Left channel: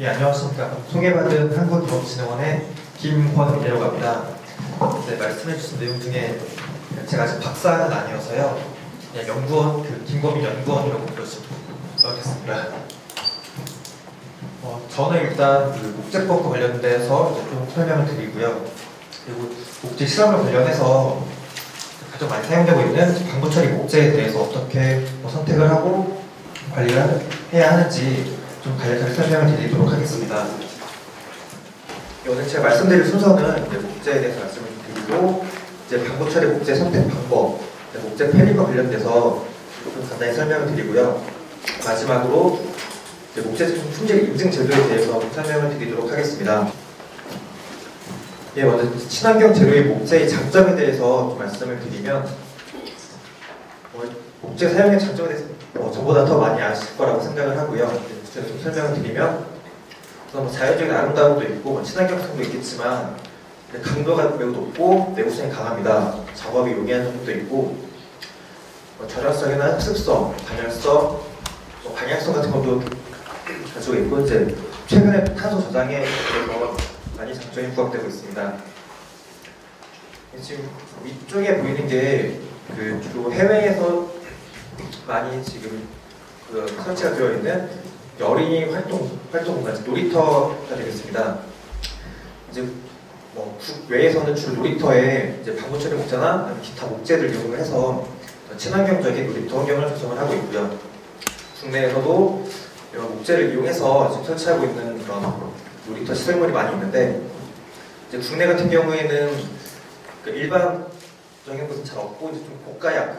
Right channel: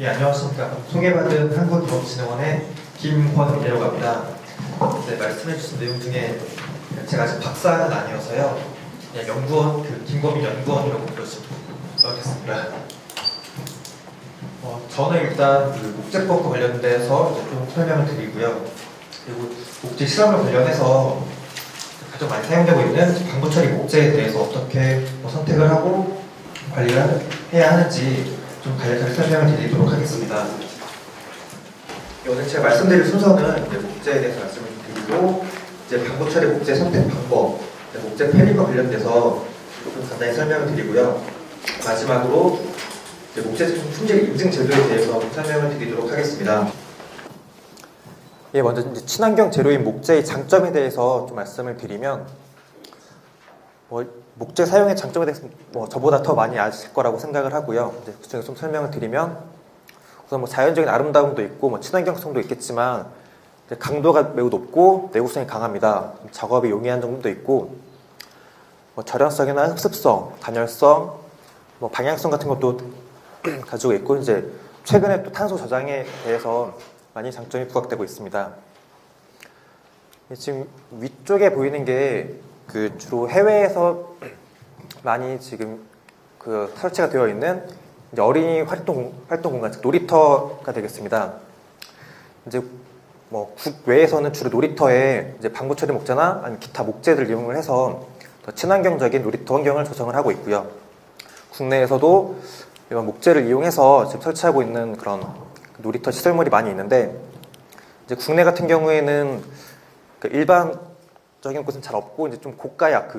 예, 안녕하십니까. 소개받은 한국기업진흥원의 김권이라고 합니다. 이제 말씀해주신 내용 중에 제가 아직 박사는 아니어서요. 그냥 연구원, 김권민 연구원이라고 부르겠습니다. 저는 일단 목재법과 관련돼서 좀 설명을 드리고요. 그리고 목재 실험을 관련해서 가장 많이 사용되고 있는 방부 처리 목재에 대해서 어떻게 선택을 하고 관리를 해야 하는지 좀 간략하게 설명을 드리도록 하겠습니다. 오늘 제가 말씀드릴 순서는 이제 목재에 대해서 말씀을 드리고, 이제 방부 처리 목재 선택 방법, 목재 편입과 관련돼서 좀 간단히 설명을 드리고요. 마지막으로 이제 목재 품질 인증 제도에 대해서 설명을 드리도록 하겠습니다. 예, 먼저 친환경 재료의 목재의 장점에 대해서 말씀을 드리면, 목재 사용의 장점에 대해서 저보다 더 많이 아실 거라고 생각을 하고요. 계속 설명을 드리면, 우선 자연적인 아름다움도 있고 친환경성도 있겠지만 강도가 매우 높고 내구성이 강합니다. 작업이 용이한 점도 있고 절연성이나 흡습성, 간열성, 방향성 같은 것도 가지고 있고, 이제 최근에 탄소 저장에 대해서 많이 장점이 부각되고 있습니다. 지금 위쪽에 보이는 게 주로 해외에서 많이 지금 설치가 되어 있는 어린이 활동 공간, 놀이터가 되겠습니다. 이제 국외에서는 주로 놀이터에 이제 방부 처리 목재나 기타 목재를 이용을 해서 친환경적인 놀이터 환경을 조성을 하고 있고요. 국내에서도 이런 목재를 이용해서 지금 설치하고 있는 그런 놀이터 시설물이 많이 있는데, 이제 국내 같은 경우에는 일반적인 곳은 잘 없고 이제 좀 고가야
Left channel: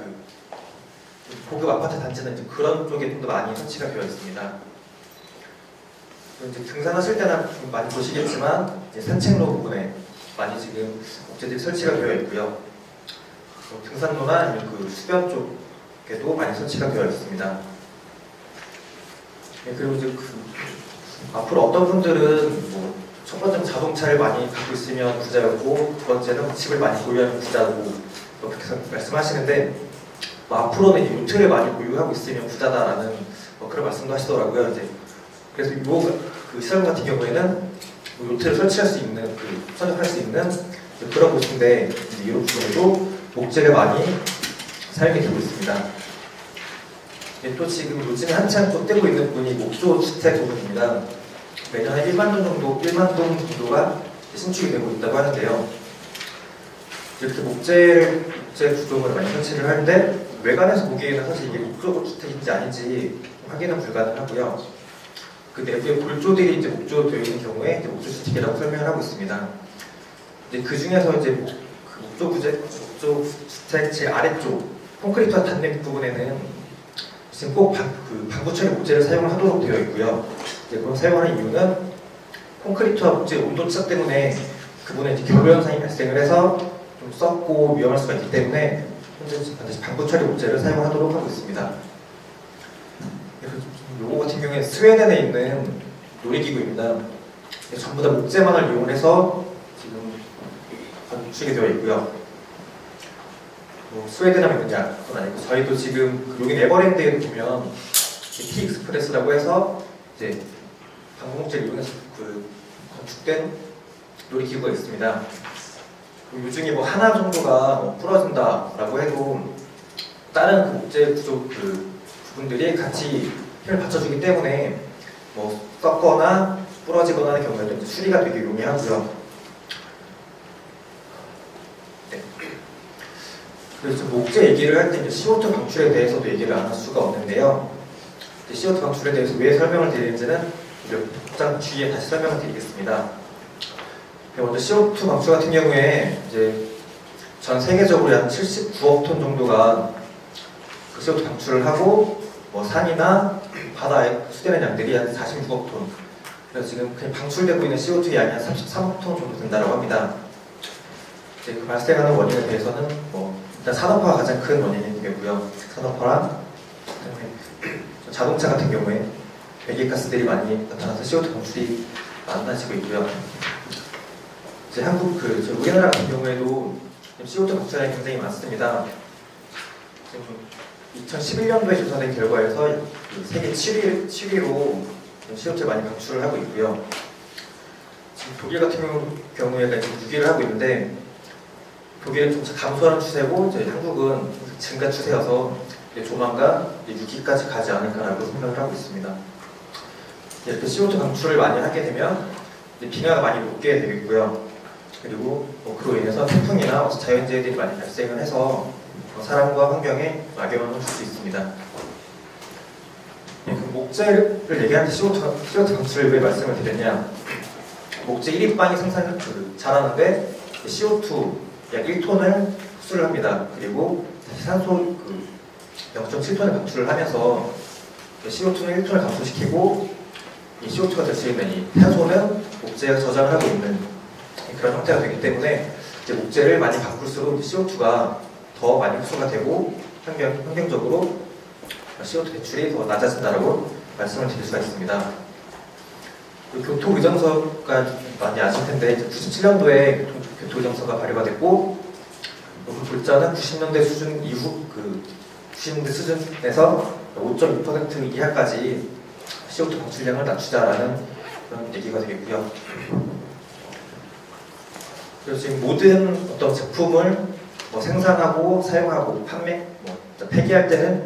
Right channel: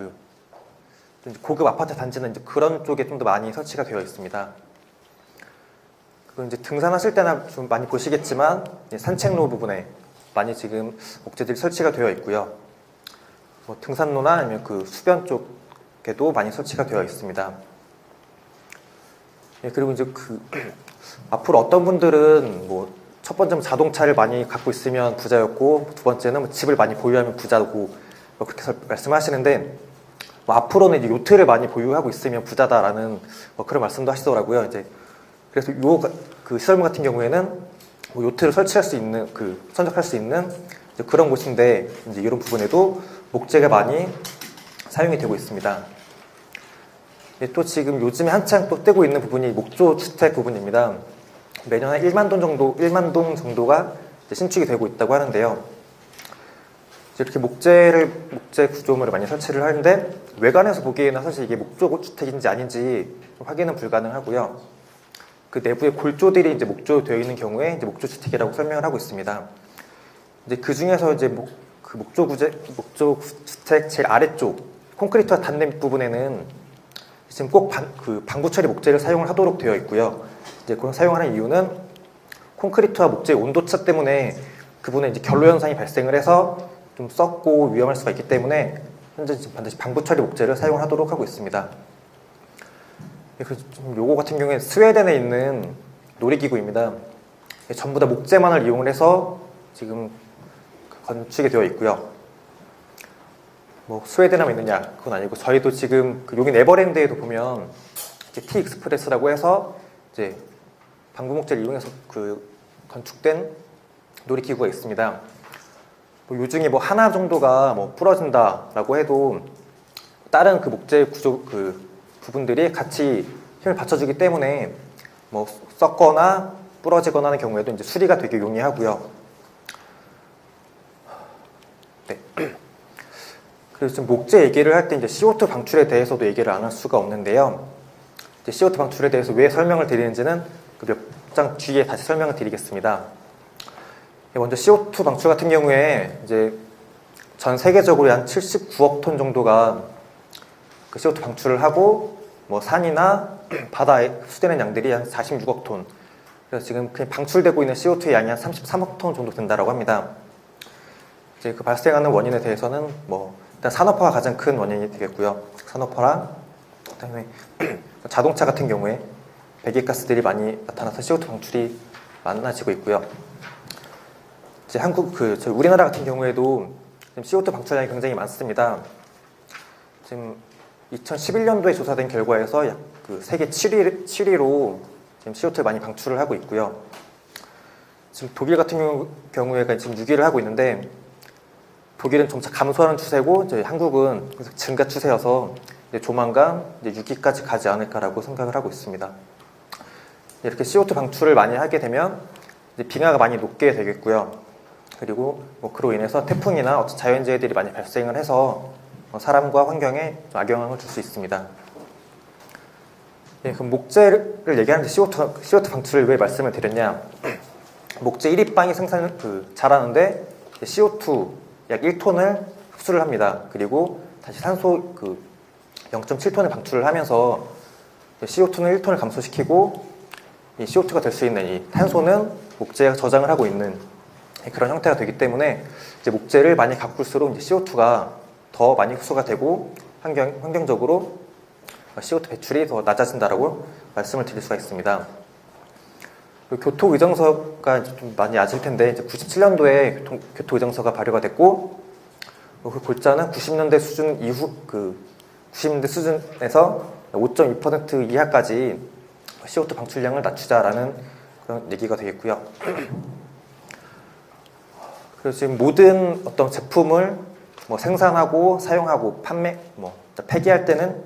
고급 아파트 단지는 이제 그런 쪽에 좀 더 많이 설치가 되어 있습니다. 그리고 이제 등산하실 때는 좀 많이 보시겠지만 산책로 부분에 많이 지금 목재들이 설치가 되어 있고요. 등산로나 아니면 수변 쪽에도 많이 설치가 되어 있습니다. 네, 그리고 이제 앞으로 어떤 분들은 첫 번째는 자동차를 많이 갖고 있으면 부자였고, 두 번째는 집을 많이 보유하면 부자고 그렇게 말씀하시는데, 앞으로는 요트를 많이 보유하고 있으면 부자다라는 그런 말씀도 하시더라고요. 이제 그래서 시설물 같은 경우에는 요트를 설치할 수 있는 선택할 수 있는 그런 곳인데, 이제 이런 부분에도 목재가 많이 사용이 되고 있습니다. 네, 또 지금 요즘에 한창 또 뜨고 있는 부분이 목조 주택 부분입니다. 매년 한 1만 동 정도가 신축이 되고 있다고 하는데요. 이렇게 목재 구조물을 많이 설치를 하는데, 외관에서 보기에는 사실 이게 목조 주택인지 아닌지 확인은 불가능하고요. 그 내부에 골조들이 이제 목조되어 있는 경우에 이제 목조 주택이라고 설명을 하고 있습니다. 근데 그 중에서 이제 목조 주택 제일 아래쪽 콘크리트와 닿는 부분에는 지금 꼭 방부 처리 목재를 사용을 하도록 되어 있고요. 이제 그런 사용하는 이유는 콘크리트와 목재 온도 차 때문에 그분은 이제 결로 현상이 발생을 해서 좀 썩고 위험할 수가 있기 때문에 현재 반드시 방부 처리 목재를 사용하도록 하고 있습니다. 요거 같은 경우에는 스웨덴에 있는 놀이기구입니다. 전부 다 목재만을 이용해서 지금 건축이 되어 있고요. 스웨덴하면 있느냐 그건 아니고, 저희도 지금 여기 네버랜드에 보면 티 익스프레스라고 해서 이제 방부 목재를 이용해서 건축된 놀이기구가 있습니다. 요 중에 하나 정도가 부러진다라고 해도 다른 목재 구조 부분들이 같이 힘을 받쳐주기 때문에 썩거나 부러지거나 하는 경우에도 이제 수리가 되게 용이하고요. 네. 그래서 목재 얘기를 할 때 이제 CO2 방출에 대해서도 얘기를 안 할 수가 없는데요. CO2 방출에 대해서 왜 설명을 드리는지는 좀 뒤에 다시 설명을 드리겠습니다. 먼저 CO2 방출 같은 경우에 이제 전 세계적으로 약 79억 톤 정도가 CO2 방출을 하고, 산이나 바다에 흡수되는 양들이 한 46억 톤. 그래서 지금 그냥 방출되고 있는 CO2의 양이 한 33억 톤 정도 된다고 합니다. 이제 발생하는 원인에 대해서는 일단 산업화가 가장 큰 원인이 되겠고요. 산업화랑 자동차 같은 경우에 배기가스들이 많이 나타나서 CO2 방출이 많아지고 있고요. 이제 우리나라 같은 경우에도 CO2 방출량이 굉장히 많습니다. 지금 2011년도에 조사된 결과에서 세계 7위로 CO2를 많이 방출을 하고 있고요. 지금 독일 같은 경우에는 지금 6위를 하고 있는데 독일은 좀 감소하는 추세고 이제 한국은 증가 추세여서 이제 조만간 이제 6위까지 가지 않을까라고 생각을 하고 있습니다. 이렇게 CO2 방출을 많이 하게 되면 이제 빙하가 많이 녹게 되겠고요. 그리고 뭐 그로 인해서 태풍이나 자연재해들이 많이 발생을 해서 사람과 환경에 악영향을 줄 수 있습니다. 네, 그럼 목재를 얘기하는데 CO2 방출을 왜 말씀을 드렸냐? 목재 1입방이 생산을 잘하는데 CO2 약 1톤을 흡수를 합니다. 그리고 다시 산소 0.7톤을 방출을 하면서 CO2는 1톤을 감소시키고 이 CO2가 될 수 있는 이 탄소는 목재가 저장을 하고 있는 그런 형태가 되기 때문에 이제 목재를 많이 바꿀수록 CO2가 더 많이 흡수가 되고 환경적으로 CO2 배출이 더 낮아진다고 말씀을 드릴 수가 있습니다. 교토의정서가 많이 아실 텐데 97년도에 교토의정서가 발효가 됐고 그 골자는 90년대 수준 이후 90년대 수준에서 5.2% 이하까지 CO2 방출량을 낮추자라는 그런 얘기가 되겠고요. 그래서 지금 모든 어떤 제품을 생산하고 사용하고 판매, 폐기할 때는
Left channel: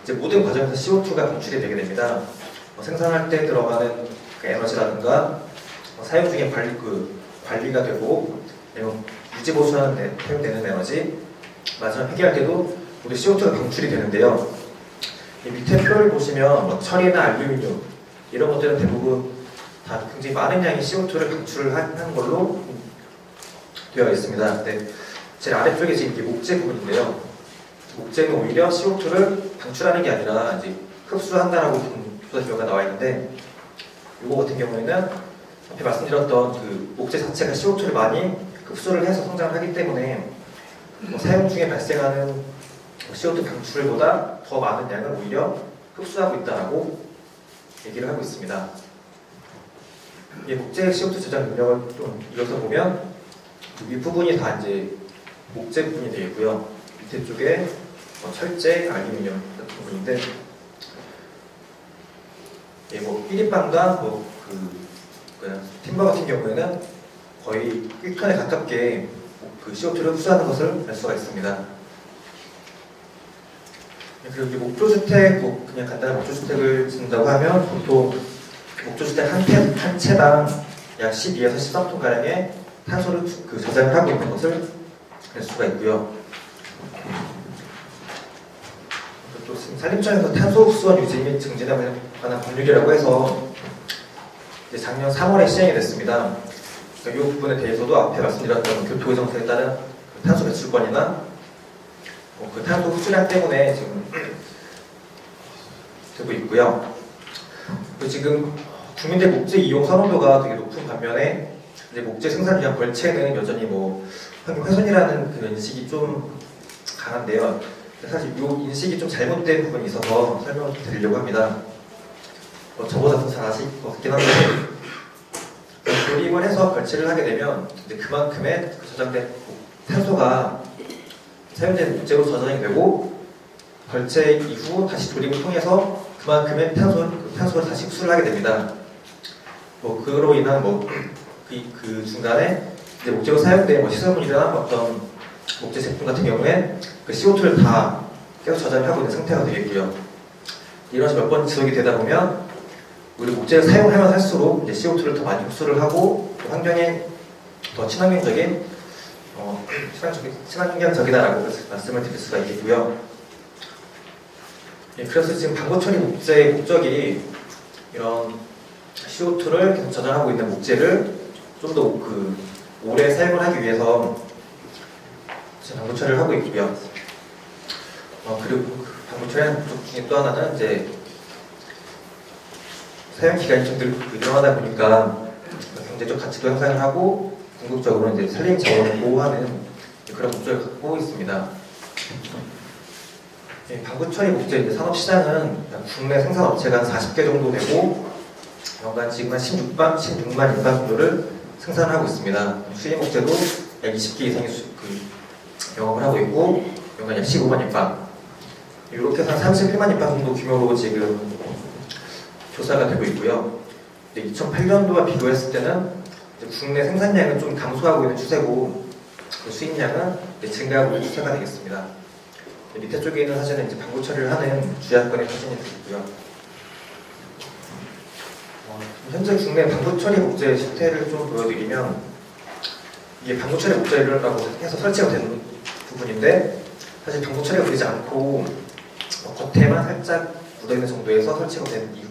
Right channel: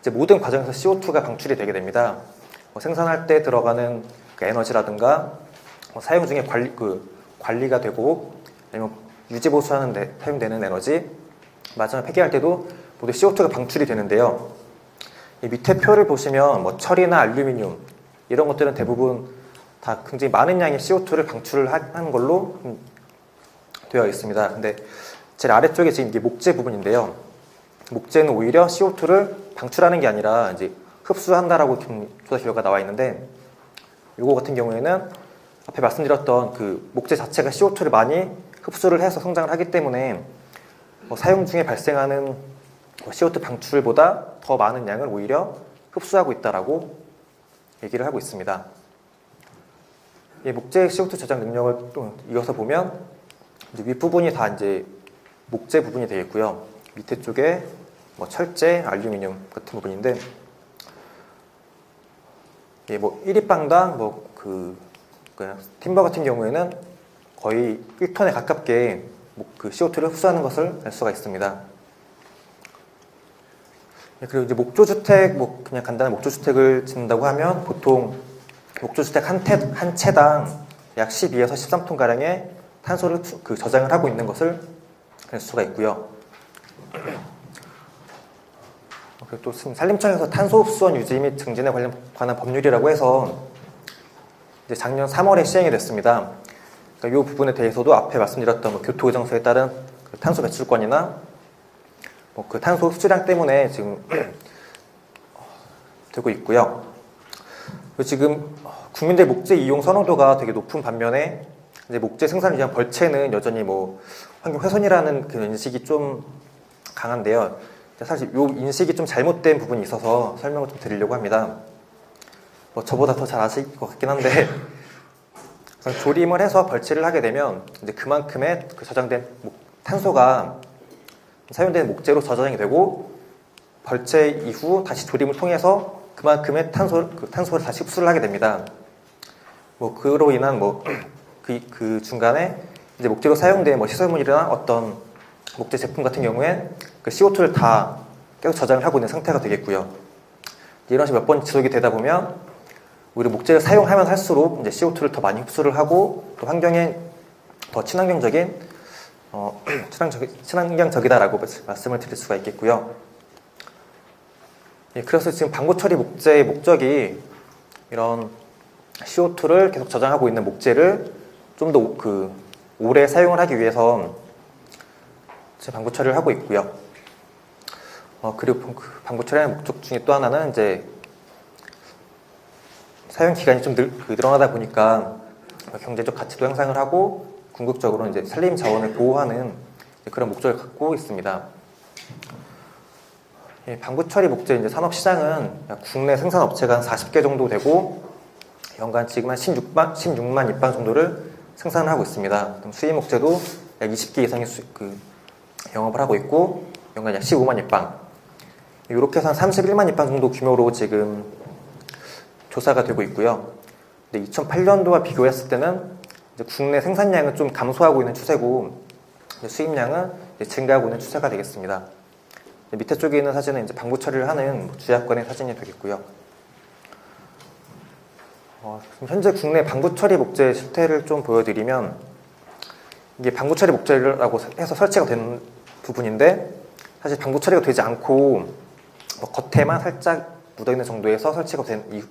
이제 모든 과정에서 CO2가 방출이 되게 됩니다. 생산할 때 들어가는 에너지라든가 사용 중에 관리가 되고 아니면 유지 보수하는 데 사용되는 에너지, 마지막 폐기할 때도 모두 CO2가 방출이 되는데요. 이 밑에 표를 보시면 철이나 알루미늄 이런 것들은 대부분 다 굉장히 많은 양의 CO2를 방출을 하는 걸로 되어 있습니다. 근데 제일 아래쪽에 지금 이게 목재 부분인데요. 목재는 오히려 CO2를 방출하는 게 아니라 이제 흡수한다라고 조사 결과가 나와 있는데, 이거 같은 경우에는 앞에 말씀드렸던 그 목재 자체가 CO2를 많이 흡수를 해서 성장을 하기 때문에 사용 중에 발생하는 CO2 방출보다 더 많은 양을 오히려 흡수하고 있다라고 얘기를 하고 있습니다. 이 목재 CO2 저장 능력을 좀 이어서 보면 윗부분이 다 이제 목재 부분이 되겠고요. 밑에 쪽에 철제, 알루미늄 같은 부분인데, 예, 1입방당 팀버 같은 경우에는 거의 1톤에 가깝게 그 CO2를 흡수하는 것을 알 수가 있습니다. 그리고 이제 목조주택, 그냥 간단한 목조주택을 짓는다고 하면 보통 목조주택 한 채당 약 12에서 13톤가량의 탄소를 저장을 하고 있는 것을 알 수가 있고요. 또 산림청에서 탄소 흡수원 유지 및 증진에 관한 법률이라고 해서 이제 작년 3월에 시행이 됐습니다. 이 부분에 대해서도 앞에 말씀드렸던 교토의정서에 따른 탄소 배출권이나 그 탄소 흡수량 때문에 지금 되고 있고요. 그리고 지금 국민들 목재 이용 선호도가 되게 높은 반면에 이제 목재 생산을 위한 벌채는 여전히 환경 훼손이라는 그 인식이 좀 강한데요. 사실 이 인식이 좀 잘못된 부분이 있어서 설명을 드리려고 합니다. 저보다 더 잘 아실 것 같긴 한데, 조림을 해서 벌채를 하게 되면 이제 그만큼의 저장된 탄소가 사용된 목재로 저장이 되고, 벌채 이후 다시 조림을 통해서 그만큼의 탄소를 다시 흡수를 하게 됩니다. 그로 인한 그 중간에 이제 목재로 사용된 시설물이나 어떤 목재 제품 같은 경우에 그 CO2를 다 계속 저장을 하고 있는 상태가 되겠고요. 이런 식으로 몇 번 지속이 되다 보면 우리 목재를 사용하면 할수록 이제 CO2를 더 많이 흡수를 하고 환경에 더 친환경적인 친환경적이다라고 말씀을 드릴 수가 있겠고요. 예, 그래서 지금 방부 처리 목재의 목적이 이런 CO2를 계속 저장하고 있는 목재를 좀 더 오래 사용을 하기 위해서 방부 처리를 하고 있고요. 그리고 방부 처리하는 쪽 중에 또 하나는 이제 사용 기간이 좀 늘어나다 보니까 경제적 가치도 향상을 하고 궁극적으로 이제 산림 자원을 보호하는 그런 목적을 갖고 있습니다. 방부 처리 목재 이제 산업 시장은 국내 생산 업체가 한 40개 정도 되고 연간 지금 한 16만 입방 정도를 생산을 하고 있습니다. 수입 목재도 약 20개 이상의 영업을 하고 있고 연간 약 15만 입방, 이렇게 해서 31만 입방 정도 규모로 지금 조사가 되고 있고요. 2008년도와 비교했을 때는 국내 생산량은 좀 감소하고 있는 추세고 수입량은 증가하고 있는 추세가 되겠습니다. 밑에 쪽에 있는 사진은 이제 방부 처리를 하는 주약권의 사진이 되겠고요. 현재 국내 방부 처리 목재 실태를 좀 보여드리면 이게 방부 처리 목재라고 해서 설치가 된 부분인데 사실 방부 처리가 되지 않고 겉에만 살짝 묻어있는 정도에서 설치가 된 이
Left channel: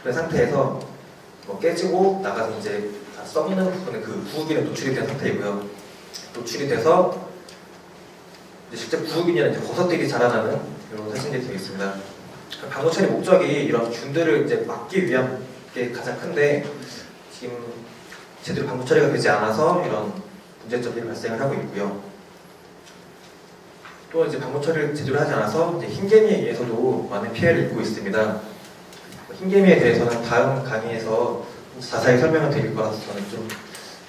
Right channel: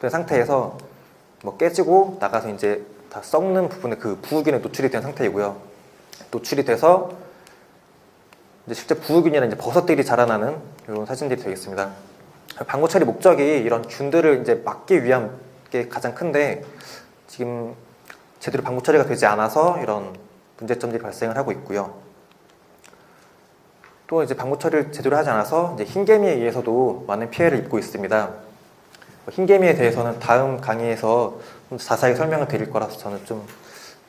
상태에서 깨지고 나가서 이제 다 썩는 부분에 그 부우균에 노출이 된 상태이고요. 노출이 돼서 실제 부우균이나 버섯들이 자라나는 이런 사진들이 되어 있습니다. 방부 처리 목적이 이런 균들을 이제 막기 위한 게 가장 큰데 지금 제대로 방부 처리가 되지 않아서 이런 문제점들이 발생을 하고 있고요. 또 이제 방부 처리를 제대로 하지 않아서 이제 흰개미에 의해서도 많은 피해를 입고 있습니다. 흰개미에 대해서는 다음 강의에서 좀 자세히 설명을 드릴 거라서 저는 좀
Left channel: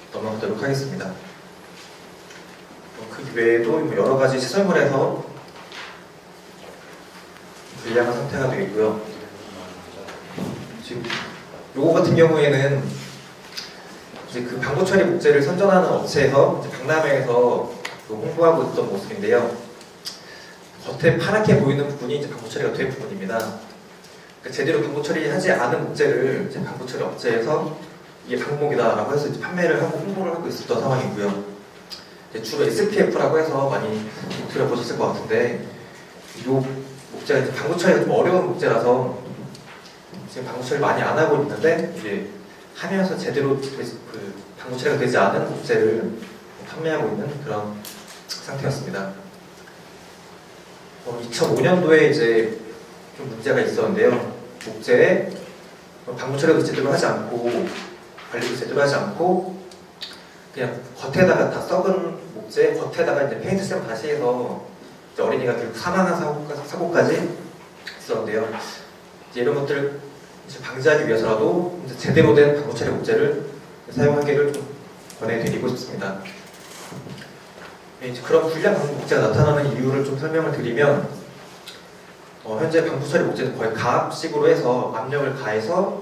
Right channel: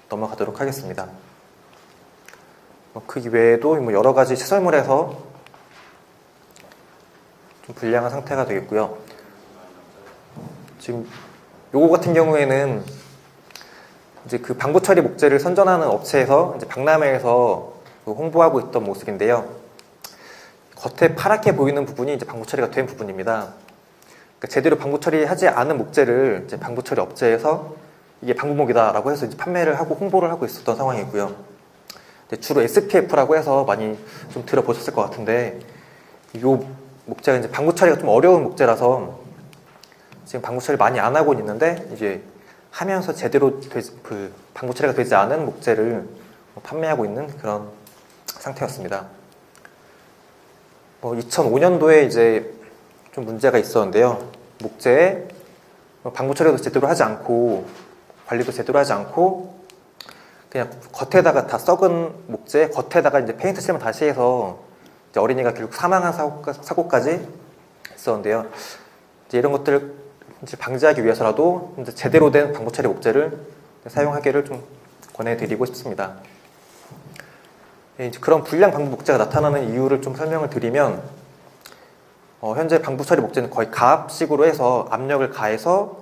넘어가도록 하겠습니다. 그 외에도 여러 가지 시설물에서 좀 불량한 상태가 되어 있고요. 지금 요거 같은 경우에는 이제 그 방부 처리 목재를 선전하는 업체에서 박람회에서 홍보하고 있던 모습인데요. 겉에 파랗게 보이는 부분이 이제 방부 처리가 된 부분입니다. 그러니까 제대로 방부 처리하지 않은 목재를 이제 방부 처리 업체에서 이게 방부목이다라고 해서 이제 판매를 하고 홍보를 하고 있었던 상황이고요. 주로 SPF라고 해서 많이 좀 들어보셨을 것 같은데 이 목재가 이제 방부 처리가 좀 어려운 목재라서 지금 방부 처리 많이 안 하고 있는데 이제 하면서 제대로 그 방부 처리가 되지 않은 목재를 판매하고 있는 그런 상태였습니다. 2005년도에 이제 좀 문제가 있었는데요. 목재에 방부 처리도 제대로 하지 않고 관리도 제대로 하지 않고 그냥 겉에다가 다 썩은 목재 겉에다가 이제 페인트 칠을 다시 해서 이제 어린이가 결국 사망한 사고까지 있었는데요. 이제 이런 것들을 이제 방지하기 위해서라도 이제 제대로 된 방부 처리 목재를 사용하기를 좀 권해드리고 싶습니다. 이제 그런 불량 방부 목재가 나타나는 이유를 좀 설명을 드리면 현재 방부 처리 목재는 거의 가압식으로 해서 압력을 가해서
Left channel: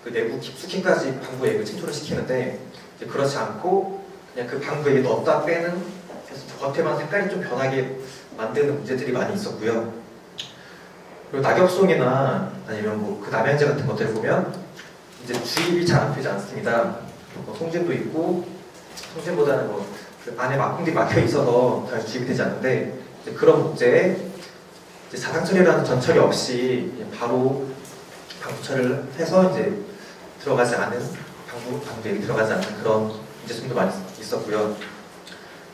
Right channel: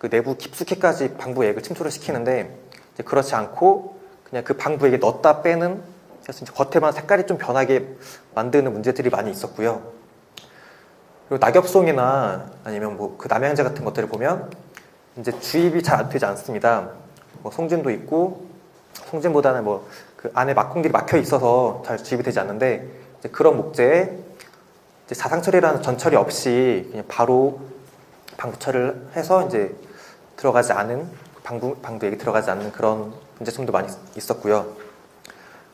그 내부 깊숙이까지 방부액을 침투를 시키는데 그렇지 않고 그냥 그 방부액에 넣었다 빼는 그래서 겉에만 색깔이 좀 변하게 만드는 문제들이 많이 있었고요. 그리고 낙엽송이나 아니면 그 남양제 같은 것들을 보면 이제 주입이 잘 안 되지 않습니다. 송진도 있고 송진보다는 그 안에 막공들이 막혀 있어서 잘 주입이 되지 않는데 그런 목재에 자상처리라는 전처리 없이 그냥 바로 방부처리를 해서 이제 들어가지 않은 방부액이 들어가지 않는 그런 문제점도 많이 있었고요.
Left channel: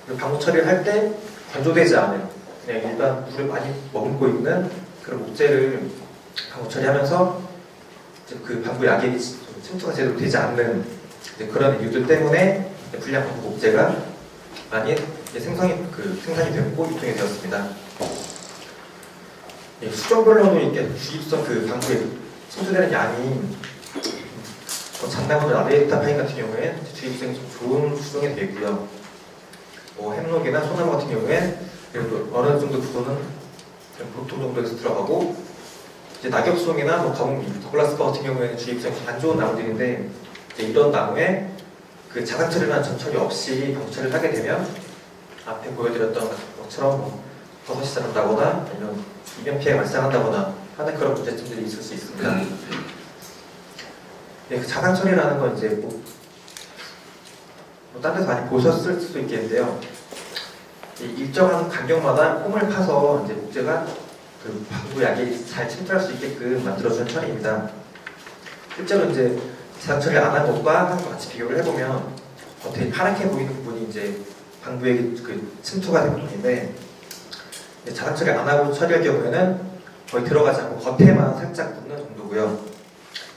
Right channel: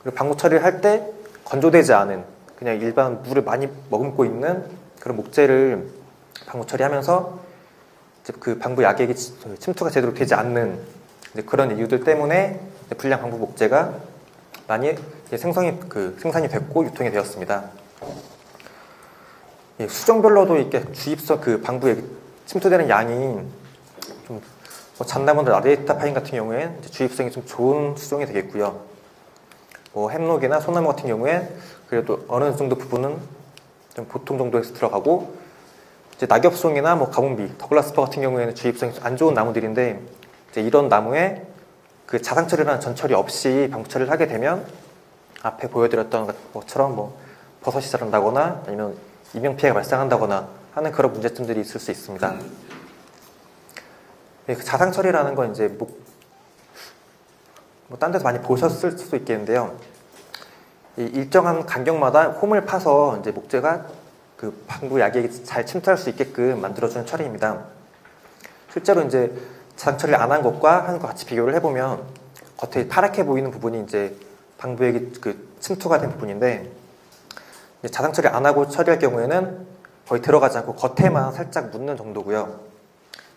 그리고 방부 처리를 할 때 건조되지 않은 그냥 일반 물을 많이 머금고 있는 그런 목재를 방부 처리하면서 그 방부 약액이 침투가 제대로 되지 않는 그런 이유들 때문에 불량 방부 목재가 많이 생산이 됐고 유통이 되었습니다. 수종별로도 이렇게 주입선 그 방부에 침투되는 양이 잠나무들 아데이타 파인 같은 경우에 주입성이 좀 좋은 수종이 되겠고요. 햄록이나 소나무 같은 경우에 그래도 어느 정도 부분은 보통 정도에서 들어가고 이제 낙엽송이나 가공비, 더글라스파 같은 경우에는 주입성이 안 좋은 나무들인데 이제 이런 나무에 그 자상처리라는 전처리 없이 방부처리를 하게 되면 앞에 보여드렸던 것처럼 버섯이 자란다거나 아니면 이면 피해가 발생한다거나 하는 그런 문제점들이 있을 수 있습니다. 자상처리라는 건 이제 딴 데서 많이 보셨을 수도 있겠는데요. 일정한 간격마다 홈을 파서 이제 목재가 그 방부 약이 잘 침투할 수 있게끔 만들어주는 처리입니다. 실제로 이제 자상처리 안 한 것과 같이 비교를 해보면 겉에 파랗게 보이는 부분이 이제 방부액이 그 침투가 된 부분인데 자상처리 안 하고 처리할 경우에는 거의 들어가지 않고 겉에만 살짝 묻는 정도고요.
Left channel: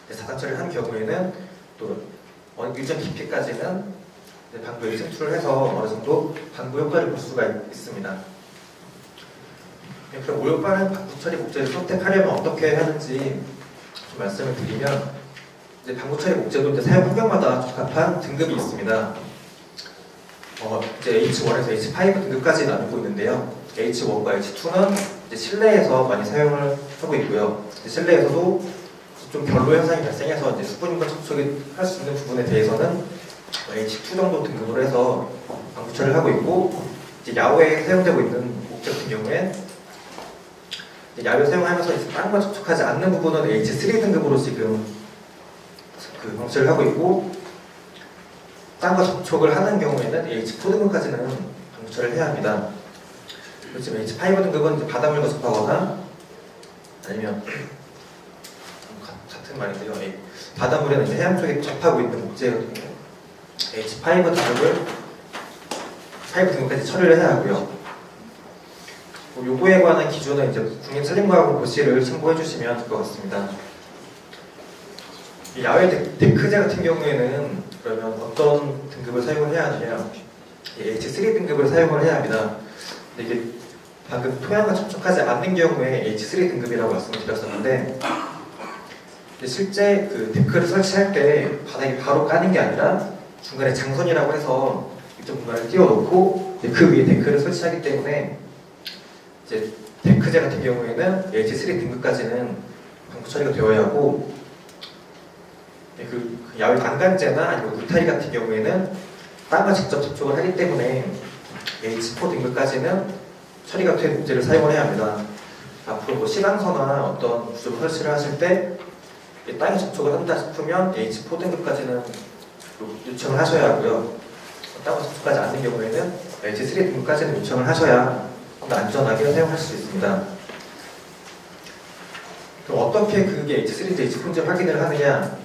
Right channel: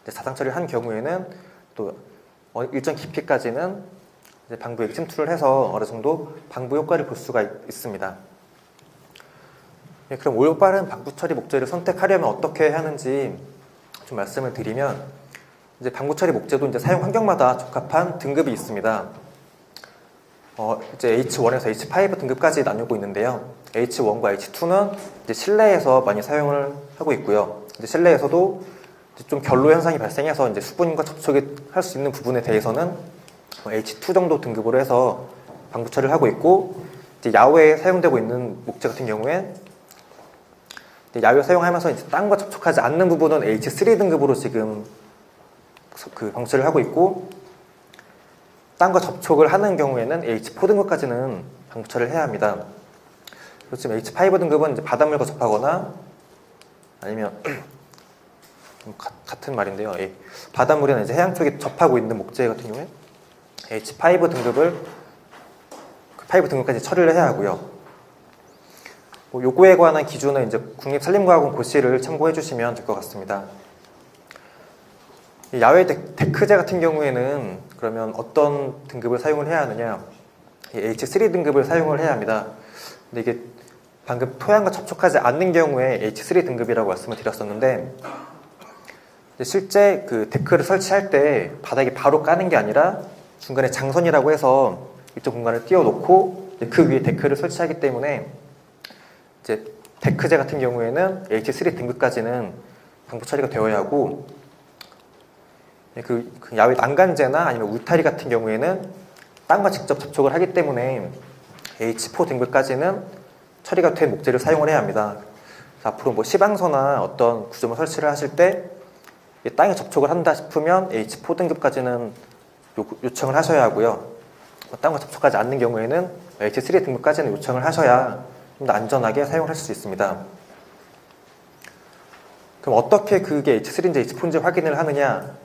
자상처리를 한 경우에는 또 일정 깊이까지는 방부액 침투를 해서 어느 정도 방부 효과를 볼 수가 있습니다. 그럼 올바른 방부 처리 목재를 선택하려면 어떻게 해야 하는지 좀 말씀을 드리면 이제 방부 처리 목재도 이제 사용 환경마다 적합한 등급이 있습니다. 이제 H1에서 H5 등급까지 나누고 있는데요. H1과 H2는 이제 실내에서 많이 사용을 하고 있고요. 이제 실내에서도 좀 결로 현상이 발생해서 이제 수분과 접촉을 할 수 있는 부분에 대해서는 H2 정도 등급으로 해서 방부 처리를 하고 있고, 이제 야외에 사용되고 있는 목재 같은 경우엔 야외 사용하면서 이제 땅과 접촉하지 않는 부분은 H3 등급으로 지금 그 방부 처리를 하고 있고, 땅과 접촉을 하는 경우에는 H4 등급까지는 방부 처리를 해야 합니다. 그리고 지금 H5 등급은 이제 바닷물과 접하거나 아니면 같은 말인데요. 바닷물에는 이제 해안 쪽에 접하고 있는 목재 같은 경우 H5 등급을 5 등급까지 처리를 해야 하고요. 요거에 관한 기준은 이제 국립산림과학원 고시를 참고해 주시면 될 것 같습니다. 야외 데크재 같은 경우에는 그러면 어떤 등급을 사용을 해야 하느냐? H3 등급을 사용을 해야 합니다. 근데 이게 방금 토양과 접촉하지 않는 경우에 H3 등급이라고 말씀을 드렸었는데, 실제 그 데크를 설치할 때 바닥에 바로 까는 게 아니라 중간에 장선이라고 해서 이쪽 공간을 띄워놓고 그 위에 데크를 설치하기 때문에 이제 데크재 같은 경우에는 H3 등급까지는 방부 처리가 되어야 하고, 그 야외 난간재나 아니면 울타리 같은 경우에는 땅과 직접 접촉을 하기 때문에 H4 등급까지는 처리가 된 목재를 사용을 해야 합니다. 앞으로 뭐 시방서나 어떤 구조물 설치를 하실 때 땅에 접촉을 한다 싶으면 H4 등급까지는 요청을 하셔야 하고요. 땅과 접촉하지 않는 경우에는 H3 등급까지는 요청을 하셔야 좀 더 안전하게 사용할 수 있습니다. 그럼 어떻게 그게 H3인지 H4인지 확인을 하느냐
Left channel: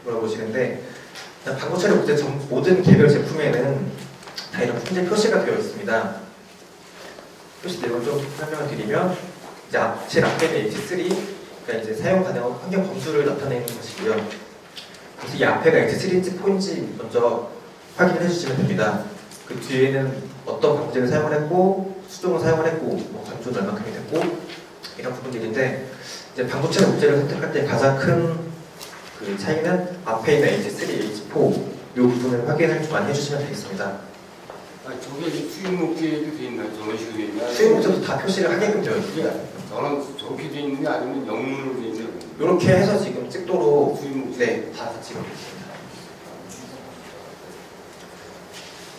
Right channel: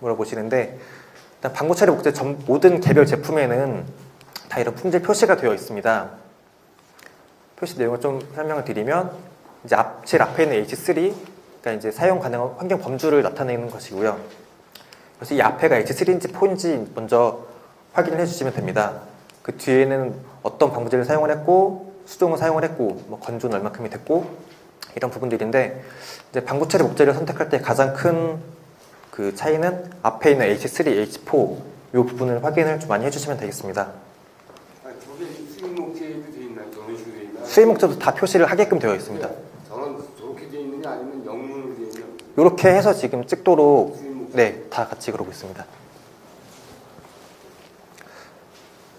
물어보시는데, 일단 방부 처리 목재 모든 개별 제품에는 다 이런 품질 표시가 되어 있습니다. 표시 내용을 좀 설명을 드리면, 이제 제일 앞에 있는 H3, 그러니까 이제 사용 가능한 환경 범주를 나타내는 것이고요. 그래서 이 앞에가 H3인지 4인지 먼저 확인해 주시면 됩니다. 그 뒤에는 어떤 방부제를 사용을 했고, 수동을 사용을 했고, 뭐 건조는 얼마큼이 됐고, 이런 부분들인데, 이제 방부 처리 목재를 선택할 때 가장 큰 그 차이는 앞에 있는 H3, H4 이 부분을 확인을 좀 많이 해주시면 되겠습니다. 저게 수입 목재도 돼 있나요? 저런 식으로 돼 있나요? 수입 목재도 다 표시를 하게끔 되어 있습니다. 저런 저렇게 돼 있느냐 아니면 영문으로 돼 있느냐? 이렇게 해서 지금 찍도록 수입 목재. 네, 다 같이 그러고 있습니다.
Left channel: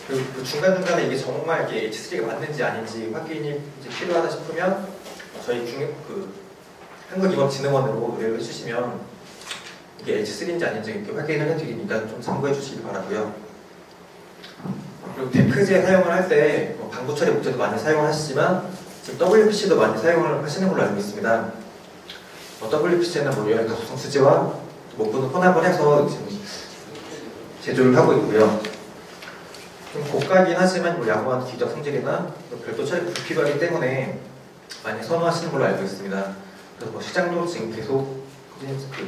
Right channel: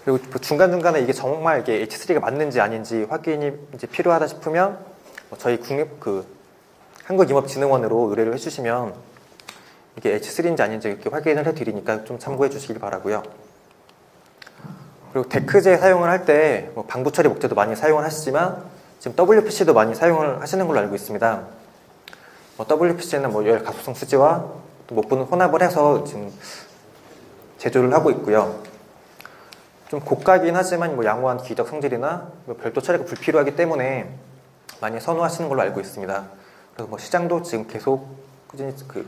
그리고 그 중간중간에 이게 정말 이게 H3가 맞는지 아닌지 확인이 이제 필요하다 싶으면 저희 한국임업진흥원으로 의뢰를 해주시면 이게 H3인지 아닌지 이렇게 확인을 해드리니까 좀 참고해 주시기 바라고요. 그리고 데크재 사용을 할 때 방부 처리 목재도 많이 사용을 하시지만 지금 WPC도 많이 사용을 하시는 걸로 알고 있습니다. WPC는 열 가속성 수지와 목분을 혼합을 해서 지금 제조를 하고 있고요. 좀 고가이긴 하지만 양호한 기적 성질이나 별도 처리가 불필요하기 때문에 많이 선호하시는 걸로 알고 있습니다. 그래서 시장도 지금 계속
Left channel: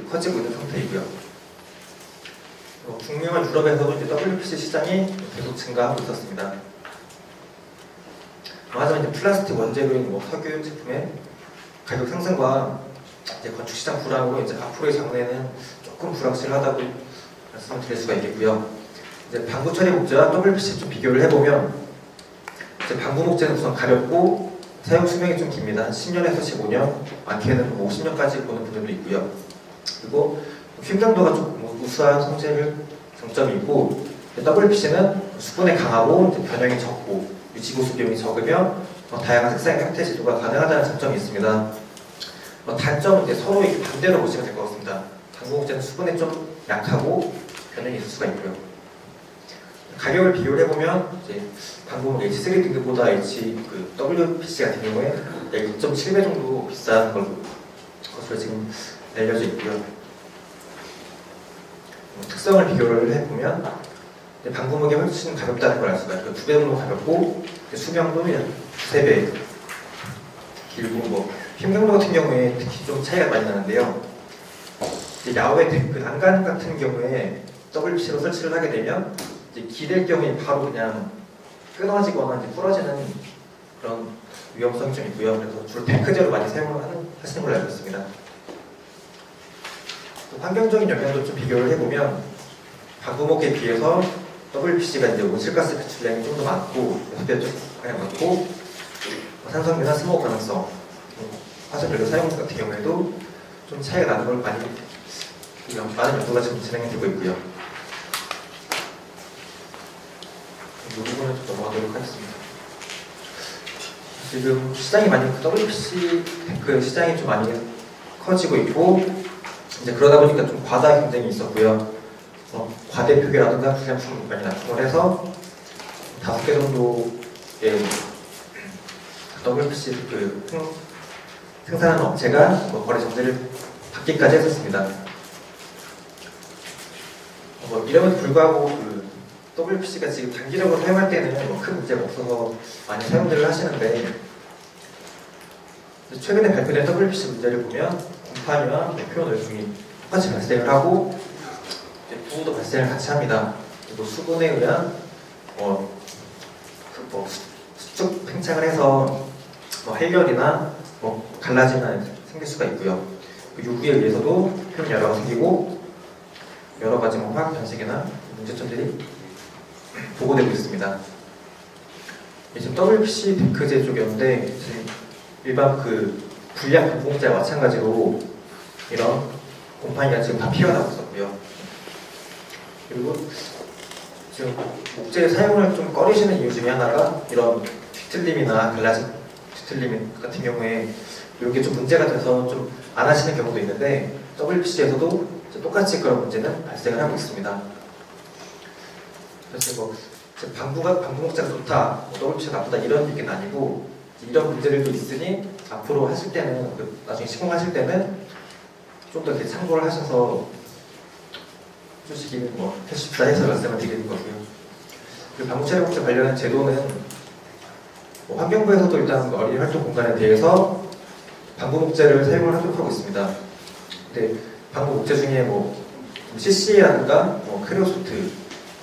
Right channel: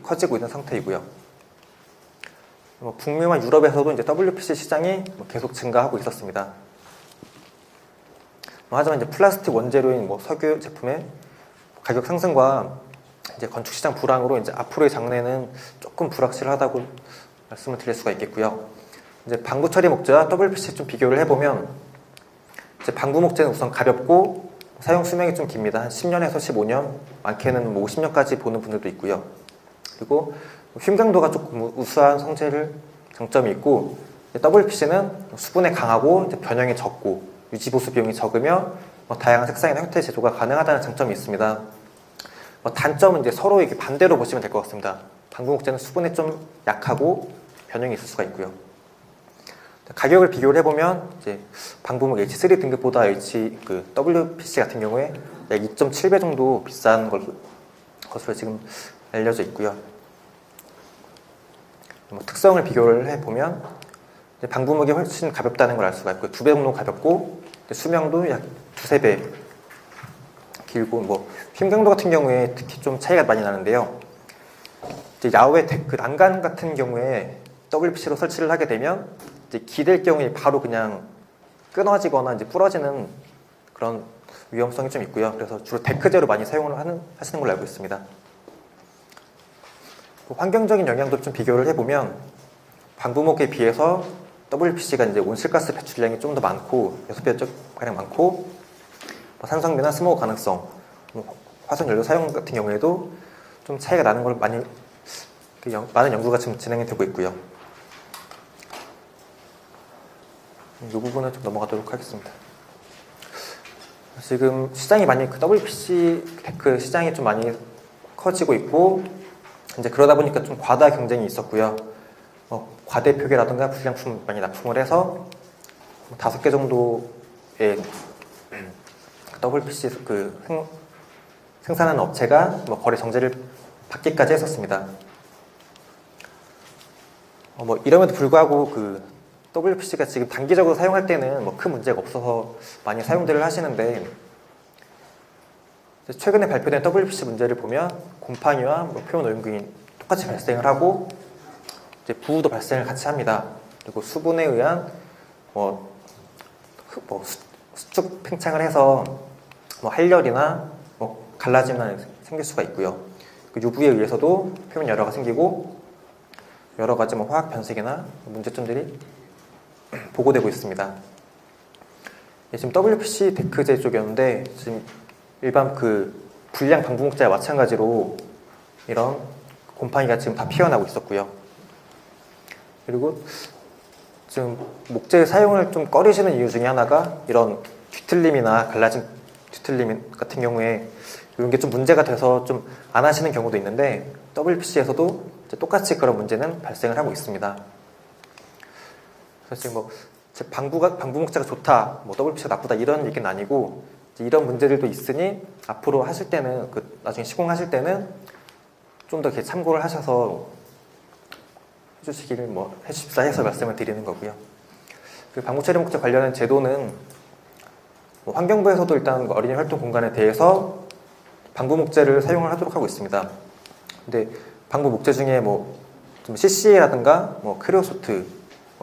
커지고 있는 상태이고요. 북미와 유럽에서도 이제 WPC 시장이 계속 증가하고 있었습니다. 하지만 이제 플라스틱 원재료인 석유 제품의 가격 상승과 이제 건축 시장 불황으로 이제 앞으로의 장래는 조금 불확실하다고 말씀을 드릴 수가 있겠고요. 이제 방부 처리 목재와 WPC 좀 비교를 해보면, 이제 방부 목재는 우선 가볍고 사용 수명이 좀 깁니다. 한 10년에서 15년, 많게는 50년까지 보는 분들도 있고요. 그리고 휘감도가 조금 우수한 장점이 있고, WPC는 수분에 강하고 변형이 적고 유지보수 비용이 적으며 다양한 색상의 형태 제조가 가능하다는 장점이 있습니다. 단점은 이제 서로 반대로 보시면 될 것 같습니다. 방부 목재는 수분에 좀 약하고 변형이 있을 수가 있고요. 가격을 비교를 해보면 이제 방부목 H3 등급보다 WPC 같은 경우에 2.7배 정도 비싼 것으로 지금 알려져 있고요. 특성을 비교를 해보면 방부목이 훨씬 가볍다는 걸 알 수가 있고요. 2배 정도 가볍고 수명도 약 2~3배 길고, 힘강도 같은 경우에 특히 좀 차이가 많이 나는데요. 야외 그 난간 같은 경우에 WPC로 설치를 하게 되면 기댈 경우에 바로 그냥 끊어지거나 부러지는 그런 위험성이 좀 있고요. 그래서 주로 데크재로 많이 사용을 하시는 걸로 알고 있습니다. 환경적인 영향도 좀 비교를 해보면 방부목에 비해서 WPC가 이제 온실가스 배출량이 좀 더 많고, 소비적 가량 많고, 산성이나 스모그 가능성, 화석연료 사용 같은 경우에도 좀 차이가 나는 걸 많은 연구가 지금 진행되고 있고요. 이 부분은 좀 넘어가도록 하겠습니다. 지금 시장이 많이 WPC 그 시장이 좀 많이 커지고 있고 이제 그러다 보니까 좀 과다 경쟁이 있었고요. 과대 표기라든가 불량품 많이 납품을 해서 5개 정도의 WPC 그 생산하는 업체가 거래 정지를 받기까지 했었습니다. 이럼에도 불구하고 그 WPC가 지금 단기적으로 사용할 때는 큰 문제가 없어서 많이 사용들을 하시는데 최근에 발표된 WPC 문제를 보면 곰팡이와 표면 얼룩이 똑같이 발생을 하고 부우도 발생을 같이 합니다. 그리고 수분에 의한 수축 팽창을 해서 활력이나 갈라짐이 생길 수가 있고요. UV에 의해서도 표면 열화가 생기고 여러 가지 화학 변색이나 문제점들이 보고되고 있습니다. 지금 WPC 데크제 쪽이었는데 지금 일반 그 불량 방부목재와 마찬가지로 이런 곰팡이가 지금 다 피어나고 있었고요. 그리고 지금 목재 사용을 좀 꺼리시는 이유 중에 하나가 이런 뒤틀림이나 갈라진 뒤틀림 같은 경우에 이런 게 좀 문제가 돼서 좀 안 하시는 경우도 있는데 WPC에서도 똑같이 그런 문제는 발생을 하고 있습니다. 그래서 방부목재가 좋다, WPC가 나쁘다 이런 얘기는 아니고 이런 문제들도 있으니 앞으로 하실 때는 나중에 시공하실 때는 좀 더 이렇게 참고를 하셔서 해주시기를 해주십사 해서 말씀을 드리는 거고요. 그리고 방부채력목재 관련한 제도는 환경부에서도 일단 어린이 활동 공간에 대해서 방부목재를 사용을 하도록 하고 있습니다. 근데 방부목재 중에 CC라든가 크레오소트,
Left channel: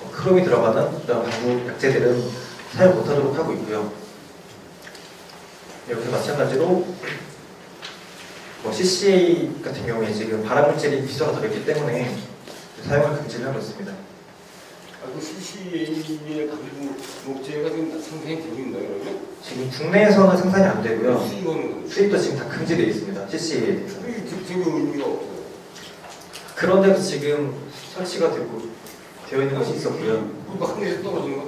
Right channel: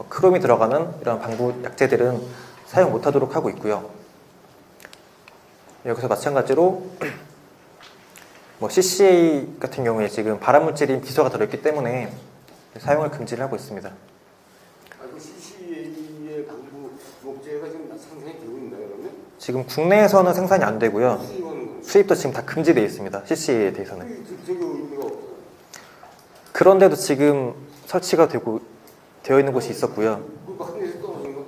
크롬이 들어가는 그런 방부 약재들은 사용 못하도록 하고 있고요. 여기서 마찬가지로 CCA 같은 경우에 지금 발암물질이 기소가 들어있기 때문에 사용을 금지를 하고 있습니다. CCA의 방부목재가 지금 생산이 되고 있나요, 그러면? 지금 국내에서는 생산이 안 되고요. 수입은 수입도 지금 다 금지되어 있습니다. CCA에 대해서는. 수입 의미가 없어요. 그런데도 지금 설치가 되어 있는 곳이 있었고요. 한국에서 떨어진 거?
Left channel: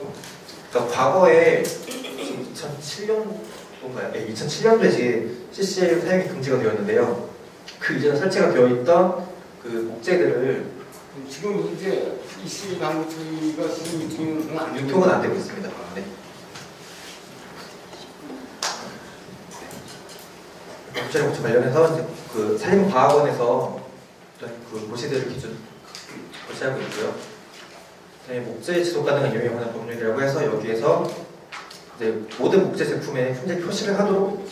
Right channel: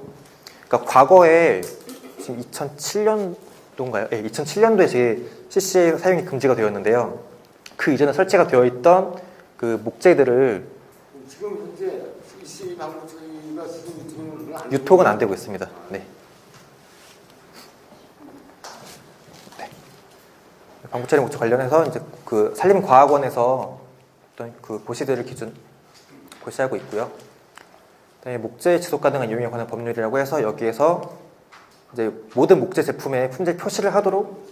그러니까 과거에 지금 2007년도인가요? 네, 2007년도에 이제 CCA 사용이 금지가 되었는데요. 그 이전에 설치가 되어 있던 그 목재들을 지금 현재 CCA 방부처리가 유통은 안 되고 있습니다. 네. 방부처리 관련해서 이제 그 산림과학원에서 어떤 그 고시들을 고시하고 있고요. 네, 목재 지속 가능한 이용에 관한 법률이라고 해서 여기에서 이제 모든 목재 제품에 품질 표시를 하도록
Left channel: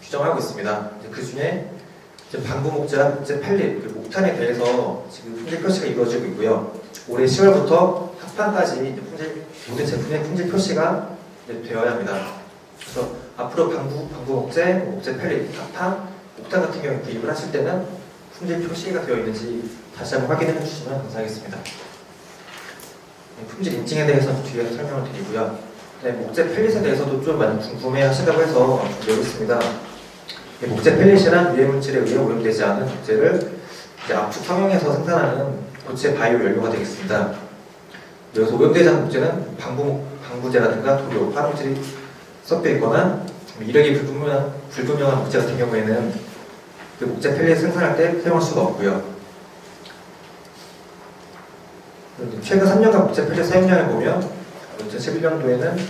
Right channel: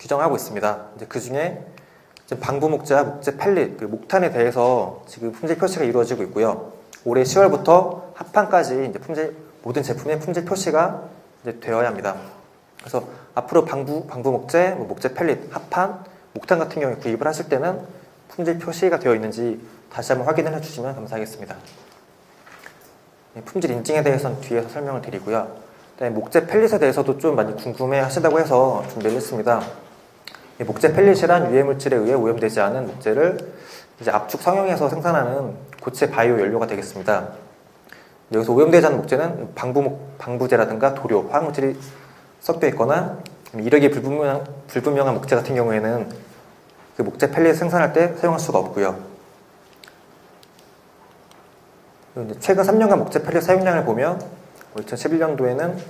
규정하고 있습니다. 그 중에 방부목재와 목재 펠릿, 그 목탄에 대해서 지금 품질 표시가 이루어지고 있고요. 올해 10월부터 합판까지 모든 제품의 품질 표시가 되어야 합니다. 그래서 앞으로 방부목재, 목재 펠릿, 합판, 목탄 같은 경우에 구입을 하실 때는 품질 표시가 되어 있는지 다시 한번 확인해 주시면 감사하겠습니다. 품질 인증에 대해서는 뒤에서 설명을 드리고요. 네, 목재 펠릿에 대해서도 좀 많이 궁금해 하시다고 해서 준비해 있습니다. 목재 펠릿이란 유해물질에 의해 오염되지 않은 목재를 이제 압축 성형해서 생산하는 고체 바이오 연료가 되겠습니다. 여기서 오염되지 않은 목재는 방부제라든가 도료, 화학물질이 섞여 있거나 이력이 불분명한 목재 같은 경우에는 그 목재 펠릿 생산할 때 사용할 수가 없고요. 최근 3년간 목재 펠릿 사용량을 보면 2011년도에는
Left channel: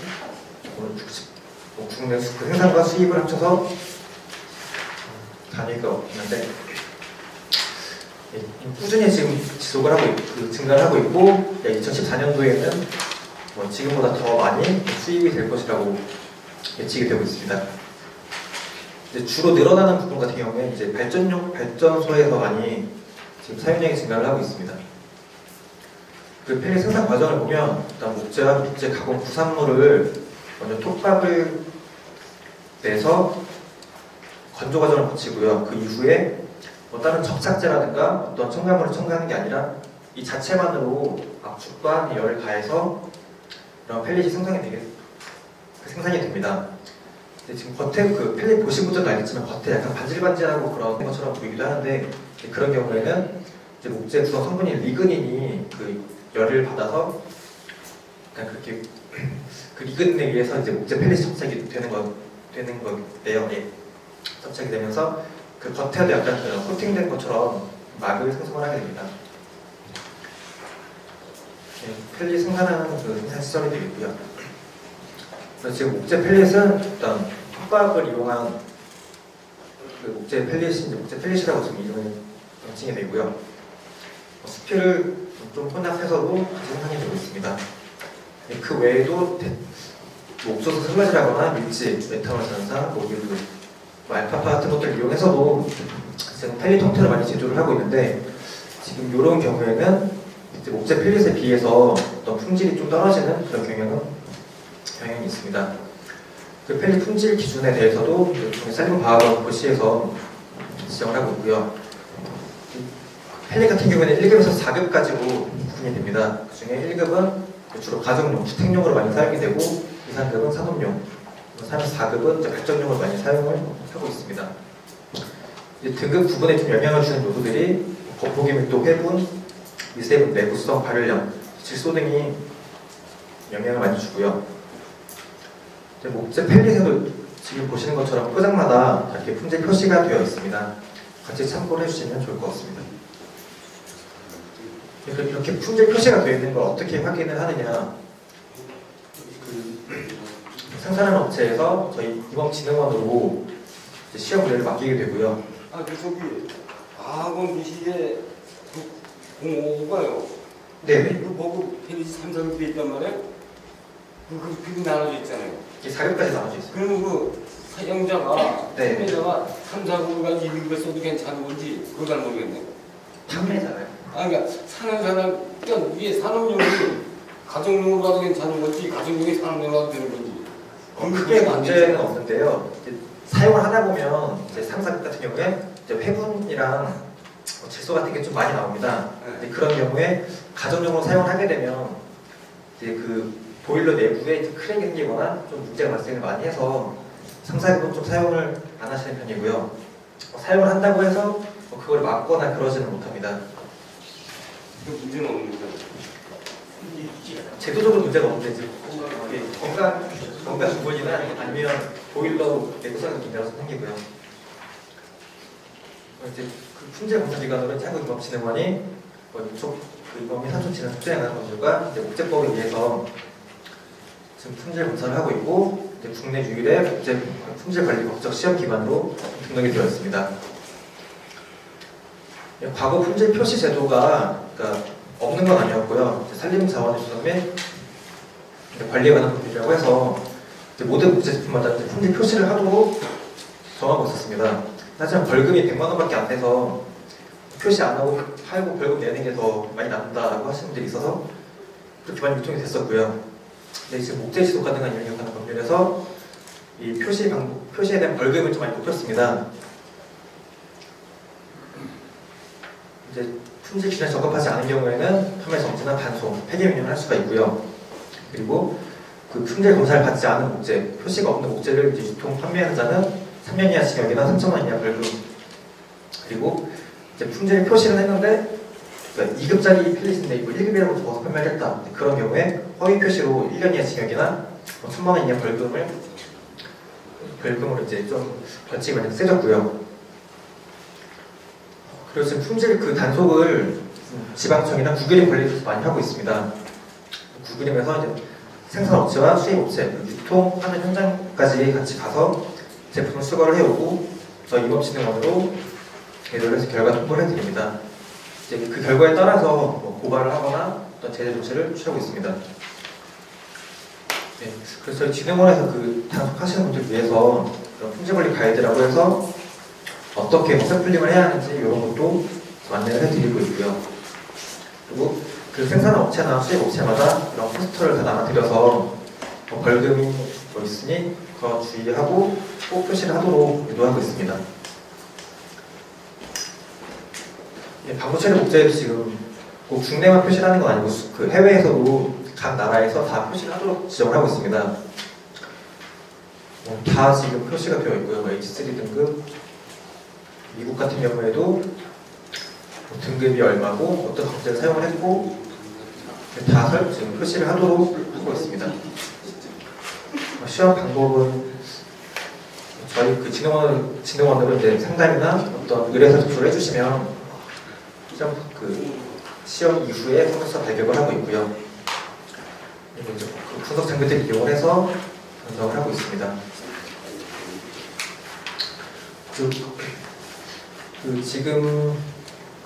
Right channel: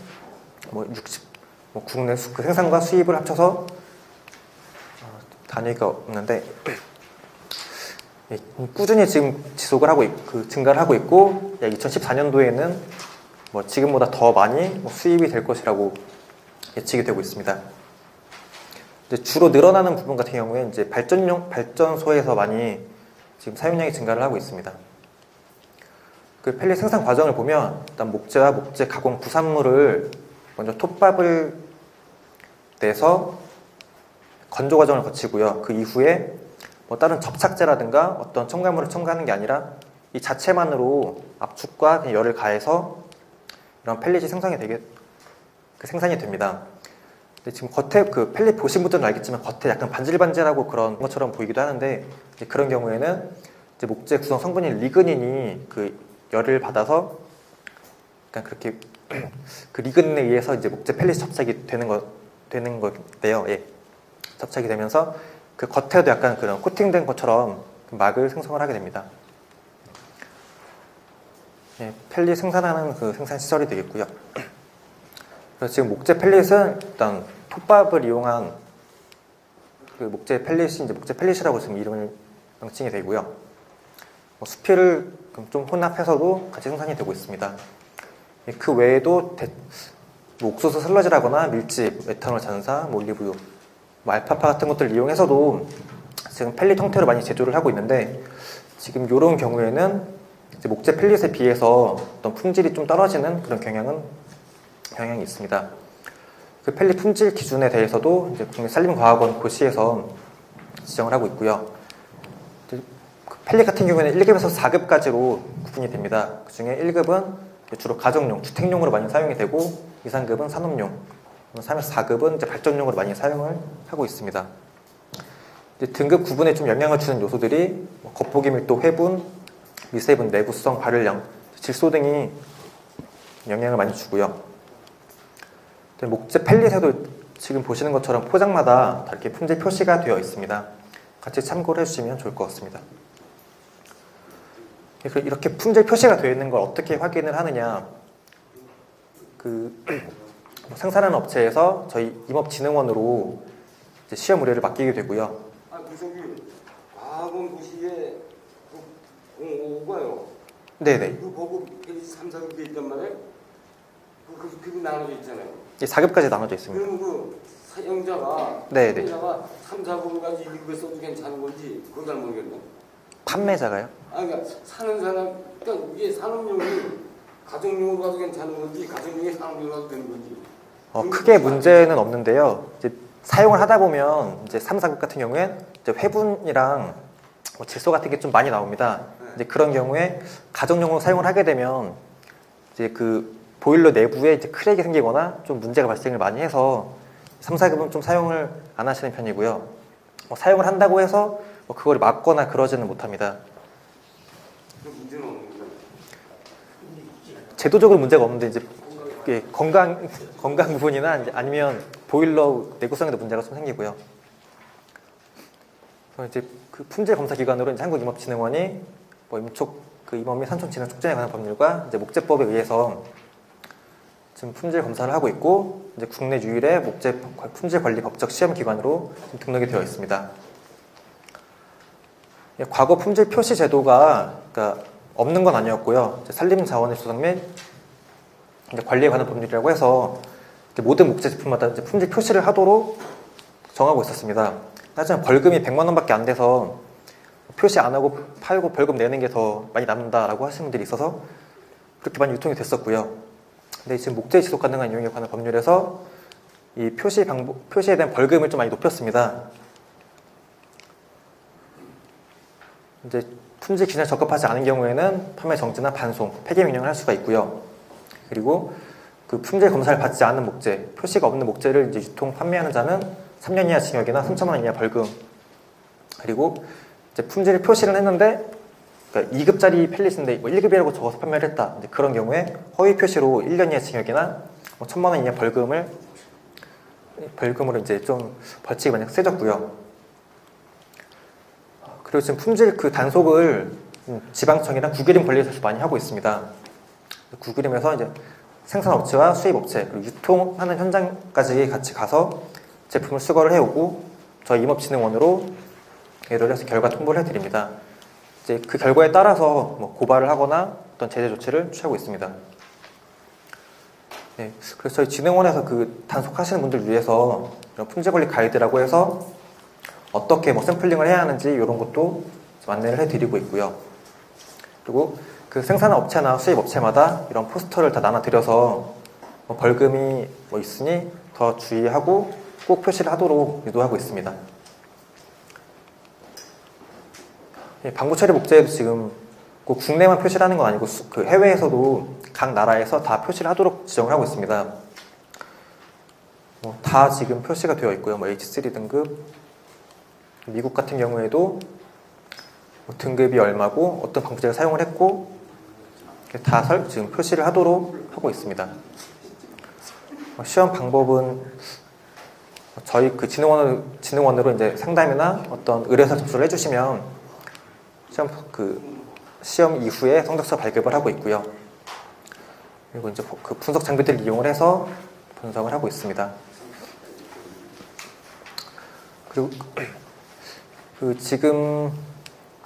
국내 생산과 수입을 합쳐서 단위가 없는데 꾸준히 지금 지속을 하고 증가를 하고 있고 2014년도에는 지금보다 더 많이 수입이 될 것이라고 예측이 되고 있습니다. 주로 늘어나는 부분 같은 경우에 이제 발전소에서 많이 지금 사용량이 증가를 하고 있습니다. 그 펠릿 생산 과정을 보면 일단 목재와 목재 가공 부산물을 먼저 톱밥을 내서 건조 과정을 거치고요. 그 이후에 다른 접착제라든가 어떤 첨가물을 첨가하는 게 아니라 이 자체만으로 압축과 열을 가해서 이런 펠릿이 생산이 됩니다. 근데 지금 겉에 그 펠릿 보신 분들은 알겠지만 겉에 약간 반질반질하고 그런 것처럼 보이기도 하는데 그런 경우에는 이제 목재 구성 성분인 리그닌이 그 열을 받아서 약간 그렇게 그 리그닌에 의해서 이제 목재 펠릿이 접착이 되는 건데요. 예. 접착이 되면서 그 겉에도 약간 그런 코팅된 것처럼 막을 생성을 하게 됩니다. 예, 펠릿 생산하는 그 생산 시설이 되어 있고요. 그래서 지금 목재 펠릿은 일단 톱밥을 이용한 그 목재 펠릿이라고 지금 이름을 명칭이 되고요. 수피를 좀 혼합해서도 같이 생산이 되고 있습니다. 그 외에도 뭐 옥수수 슬러지라거나 밀집, 메탄올 전산, 올리브유, 알파파 같은 것들을 이용해서도 지금 펠릿 형태로 많이 제조를 하고 있는데 지금 이런 경우에는 이제 목재 펠릿에 비해서 어떤 품질이 좀 떨어지는 그런 경향이 있습니다. 그 펠릿 품질 기준에 대해서도 산림과학원 고시에서 지정을 하고 있고요. 펠릿 같은 경우에는 1급에서 4급까지로 구분이 됩니다. 그 중에 1급은 주로 가정용, 주택용으로 많이 사용이 되고 2, 3급은 산업용, 3, 4급은 발전용으로 많이 사용을 하고 있습니다. 등급 구분에 좀 영향을 주는 요소들이 겉보기 밀도, 회분, 미세분, 내구성, 발열량, 질소 등이 영향을 많이 주고요. 목재 펠릿에도 지금 보시는 것처럼 포장마다 이렇게 품질 표시가 되어 있습니다. 같이 참고를 해주시면 좋을 것 같습니다. 이렇게 품질 표시가 되어 있는 걸 어떻게 확인을 하느냐? 그 생산하는 업체에서 저희 임업진흥원으로 시험 의뢰를 맡기게 되고요. 저기 과학원 기시에 공모가요. 네네. 그 보고 펠릿이 3, 4급에 있단 말이에요. 그게 나눠져 있잖아요. 4급까지 나눠져 있습니다. 그러면 그 사용자가, 네. 판매자가 3, 4급을 가지고 2급에 써도 괜찮은 건지 그걸 잘 모르겠네. 판매자가요? 그러니까 사는 사람, 그러니까 이게 산업용이 가정용으로 가도 괜찮은 건지 가정용이 산업용으로 가도 되는 건지. 크게 문제는 없는데요. 이제 사용을 하다 보면 이제 3, 4급 같은 경우에 이제 회분이랑 질소 같은 게 좀 많이 나옵니다. 이제 그런 경우에 가정용으로 사용을 하게 되면 이제 그 보일러 내부에 이제 크랙이 생기거나 좀 문제가 발생을 많이 해서 3, 4급은 좀 사용을 안 하시는 편이고요. 사용을 한다고 해서 그걸 막거나 그러지는 못합니다. 문제는 없는데. 제도적으로 문제가 없는데 이제 건강 부분이나 아니면 보일러 내구성에도 문제가 좀 생기고요. 이제 그 품질 검사 기관으로는 한국임업진흥원이 임촉 그 임업 및 산업 진흥 촉진에 관한 법률과 이제 목재법에 의해서 지금 품질 검사를 하고 있고 이제 국내 유일의 목재 품질 관리 법적 시험 기관으로 등록이 되어 있습니다. 과거 품질 표시 제도가 그러니까 없는 건 아니었고요. 산림자원의 조성 및 관리에 관한 법률이라고 해서 모든 목재 제품마다 품질 표시를 하도록 정하고 있었습니다. 하지만 벌금이 100만 원밖에 안 돼서 표시 안 하고 팔고 벌금 내는 게 더 많이 남는다라고 하시는 분들이 있어서 그렇게 많이 유통이 됐었고요. 근데 지금 목재 지속 가능한 이용에 관한 법률에서 이 표시에 대한 벌금을 좀 많이 높였습니다. 이제 품질 기준에 적합하지 않은 경우에는 판매 정지나 반송, 폐기 명령을 할 수가 있고요. 그리고 그 품질 검사를 받지 않은 목재, 표시가 없는 목재를 이제 유통 판매하는 자는 3년 이하 징역이나 3천만 원 이하 벌금. 그리고 이제 품질 표시를 했는데 그러니까 2급짜리 펠릿인데 이거 1급이라고 적어서 판매를 했다. 그런 경우에 허위 표시로 1년 이하 징역이나 1천만 원 이하 벌금으로 이제 좀 벌칙이 많이 세졌고요. 그리고 지금 품질 그 단속을 지방청이나 국유림 관리에서 많이 하고 있습니다. 국유림에서 이제 생산업체와 수입업체, 유통하는 현장까지 같이 가서 제품을 수거를 해오고 저희 임업진흥원으로 예를 해서 결과 통보를 해드립니다. 이제 그 결과에 따라서 고발을 하거나 어떤 제재 조치를 취하고 있습니다. 네, 그래서 저희 진흥원에서 그 단속하시는 분들 위해서 품질관리 가이드라고 해서 어떻게 샘플링을 해야 하는지 이런 것도 안내를 해드리고 있고요. 그리고 그 생산업체나 수입업체마다 이런 포스터를 다 나눠드려서 벌금이 있으니 더 주의하고 꼭 표시를 하도록 유도하고 있습니다. 네, 방부 처리 목재도 지금 꼭 국내만 표시를 하는 건 아니고 그 해외에서도 각 나라에서 다 표시를 하도록 지정을 하고 있습니다. 다 지금 표시가 되어 있고요. H3 등급, 미국 같은 경우에도 등급이 얼마고 어떤 방법을 사용을 했고 다 지금 표시를 하도록 하고 있습니다. 시험 방법은 저희 그 진흥원으로 이제 상담이나 어떤 의뢰서 제출을 해주시면 시험 이후에 성적서 발급을 하고 있고요. 그리고 이제 그 분석 장비들을 이용을 해서 분석을 하고 있습니다. 그리고 지금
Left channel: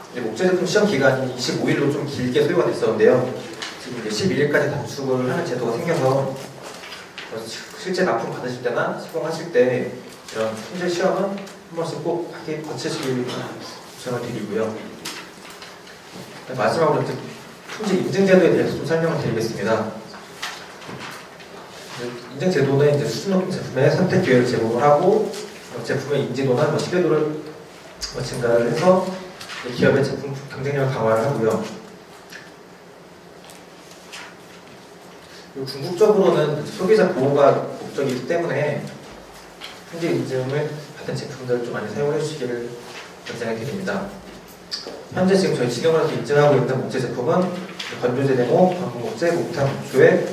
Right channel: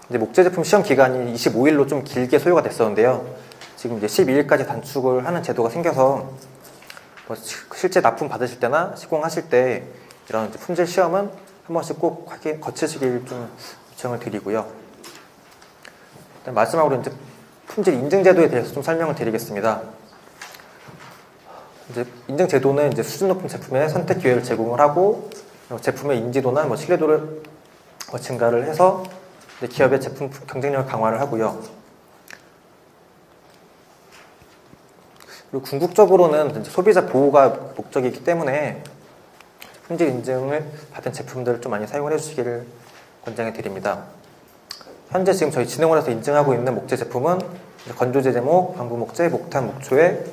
이제 목재 제품 시험 기간이 25일로 좀 길게 소요가 됐었는데요. 지금 이제 12일까지 단축을 하는 제도가 생겨서 실제 납품 받으실 때나 시공하실 때 이런 품질 시험은 한 번씩 꼭 거치시길 요청을 드리고요. 마지막으로 이제 품질 인증 제도에 대해서 좀 설명을 드리겠습니다. 인증 제도는 이제 수준 높은 제품의 선택 기회를 제공을 하고 제품의 인지도나 신뢰도를 증가를 해서 기업의 제품 경쟁력을 강화를 하고요. 그리고 궁극적으로는 소비자 보호가 목적이기 때문에 품질 인증을 받은 제품들을 좀 많이 사용을 해주시기를 권장해 드립니다. 현재 지금 저희 진흥원에서 인증하고 있는 목재 제품은 건조제 제목, 방부 목재, 목탄 목조의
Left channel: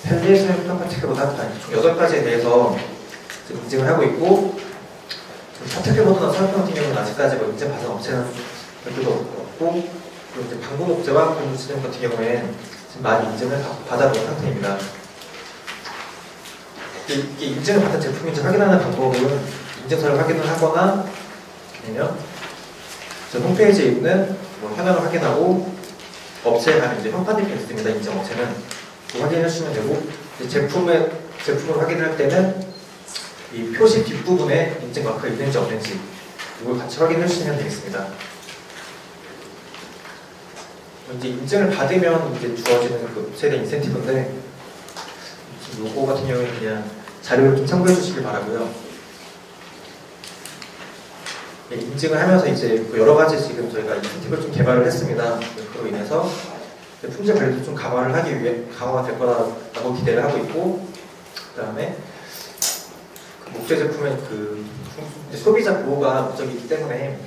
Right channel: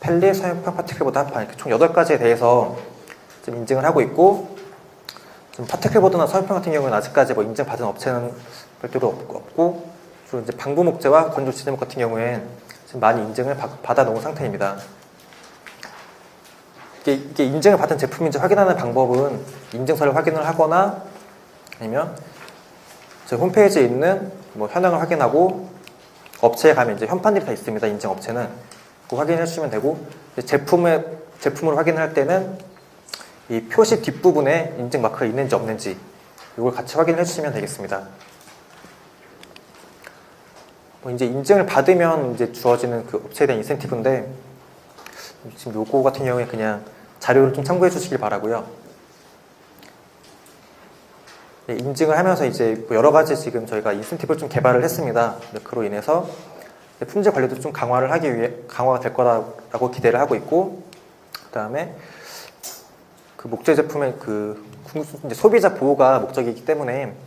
펠릿, 소형 파티클보다 총 8가지에 대해서 인증을 하고 있고 지금 파티클보드나 소형 같은 경우는 아직까지 인증 받은 업체는 별도도 없고 그리고 이제 방부 목재와 건조제 제목 같은 경우에 지금 많이 인증을 받아놓은 상태입니다. 이게 인증을 받은 제품인지 확인하는 방법은 인증서를 확인을 하거나 아니면 저 홈페이지에 있는 현황을 확인하고 업체에 가면 이제 현판이 있습니다. 인증 업체는 그거 확인해 주시면 되고 제품을 확인할 때는 이 표시 뒷부분에 인증 마크가 있는지 없는지 이걸 같이 확인해 주시면 되겠습니다. 이제 인증을 받으면 이제 주어지는 그 업체에 대한 인센티브인데 지금 요거 같은 경우에 그냥 자료를 좀 참고해 주시길 바라고요. 인증을 하면서 이제 여러 가지 지금 저희가 인센티브를 좀 개발을 했습니다. 그로 인해서 품질 관리도 좀 강화가 될 거라고 기대를 하고 있고, 그 다음에 그 목재 제품의 이제 소비자 보호가 목적이기 때문에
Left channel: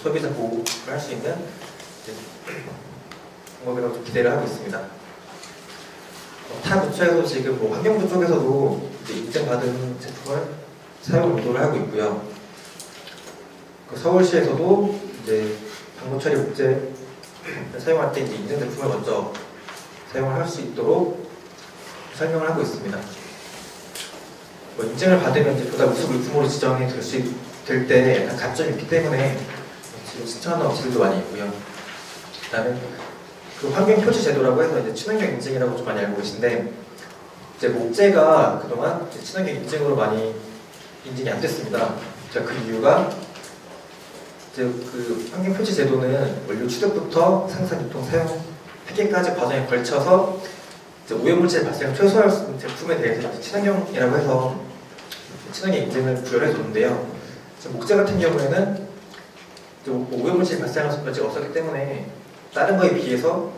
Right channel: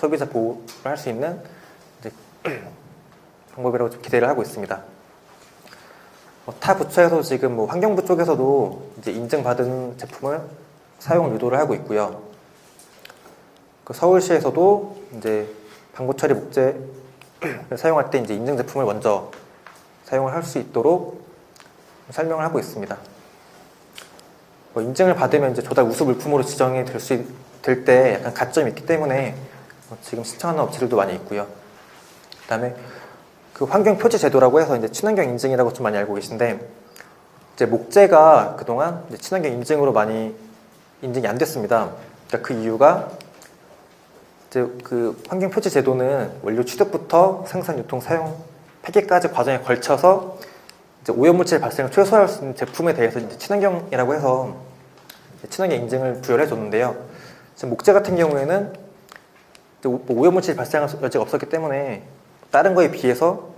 소비자 보호를 할 수 있는 방법이라고 좀 기대를 하고 있습니다. 타 부처에서 지금 환경부 쪽에서도 이제 인증받은 제품을 사용 유도를 하고 있고요. 서울시에서도 이제 방부 처리 목재를 사용할 때 이제 인증 제품을 먼저 사용을 할 수 있도록 설명을 하고 있습니다. 인증을 받으면 이제 조달 우수 물품으로 지정이 될 때 약간 가점이 있기 때문에 지금 신청하는 업체들도 많이 있고요. 그다음에 그 환경 표지 제도라고 해서 이제 친환경 인증이라고 좀 많이 알고 계신데 이제 목재가 그동안 이제 친환경 인증으로 많이 인증이 안 됐습니다. 그러니까 그 이유가 이제 그 환경 표지 제도는 원료 취득부터 생산, 유통, 사용, 폐기까지 과정에 걸쳐서 이제 오염물질 발생을 최소화할 수 있는 제품에 대해서 친환경이라고 해서 친환경 인증을 부여를 해줬는데요. 목재 같은 경우에는 오염물질 발생할 수 없었기 때문에 다른 거에 비해서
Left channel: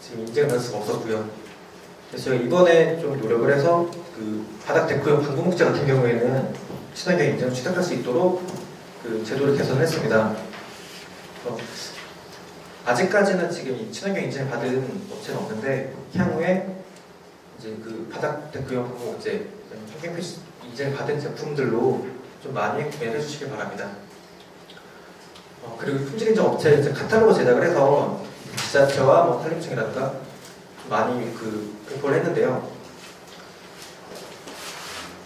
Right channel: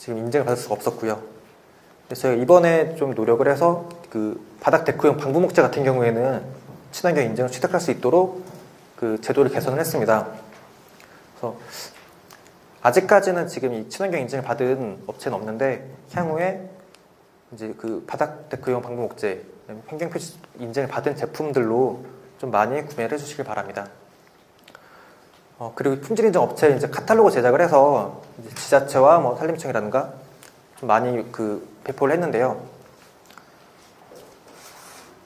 지금 인증을 받을 수가 없었고요. 그래서 저희가 이번에 좀 노력을 해서 그 바닥 데크용 방부 목재 같은 경우에는 친환경 인증을 취득할 수 있도록 그 제도를 개선했습니다. 아직까지는 지금 이 친환경 인증을 받은 업체는 없는데 향후에 이제 그 바닥 데크용 방부 목재 환경 표시 인증을 받은 제품들로 좀 많이 구매를 해주시길 바랍니다. 그리고 품질 인증 업체 이제 카탈로그 제작을 해서 지자체와 산림청이라든가 좀 많이 배포를 했는데요.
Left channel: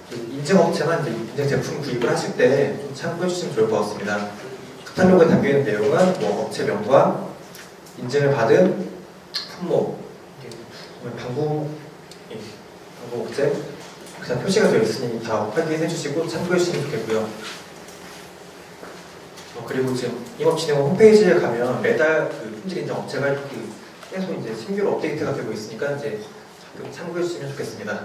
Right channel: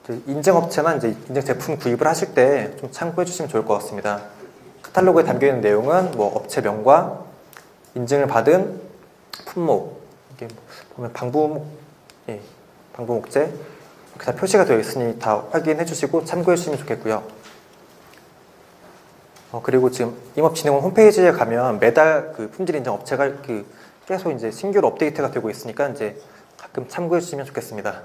인증 업체나 이제 인증 제품 구입을 하실 때 좀 참고해 주시면 좋을 것 같습니다. 카탈로그에 담겨 있는 내용은 업체명과 인증을 받은 품목, 방부 목재, 그다음 표시가 되어 있으니 다 확인해 주시고 참고해 주시면 좋겠고요. 그리고 지금 임업진흥원 홈페이지에 가면 매달 그 품질 인증 업체가 계속 이제 신규로 업데이트가 되고 있으니까 이제 가끔 참고해 주시면 좋겠습니다.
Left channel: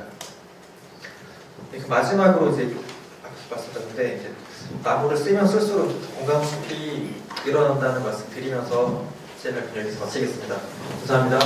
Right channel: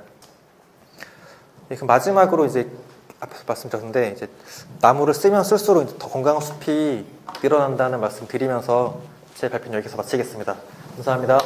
그럼 마지막으로 이제 앞에서 말씀드렸는데 이제 나무를 쓰면 쓸수록 더 건강한 숲이 늘어난다는 말씀 드리면서 제 발표는 여기서 마치겠습니다. 감사합니다.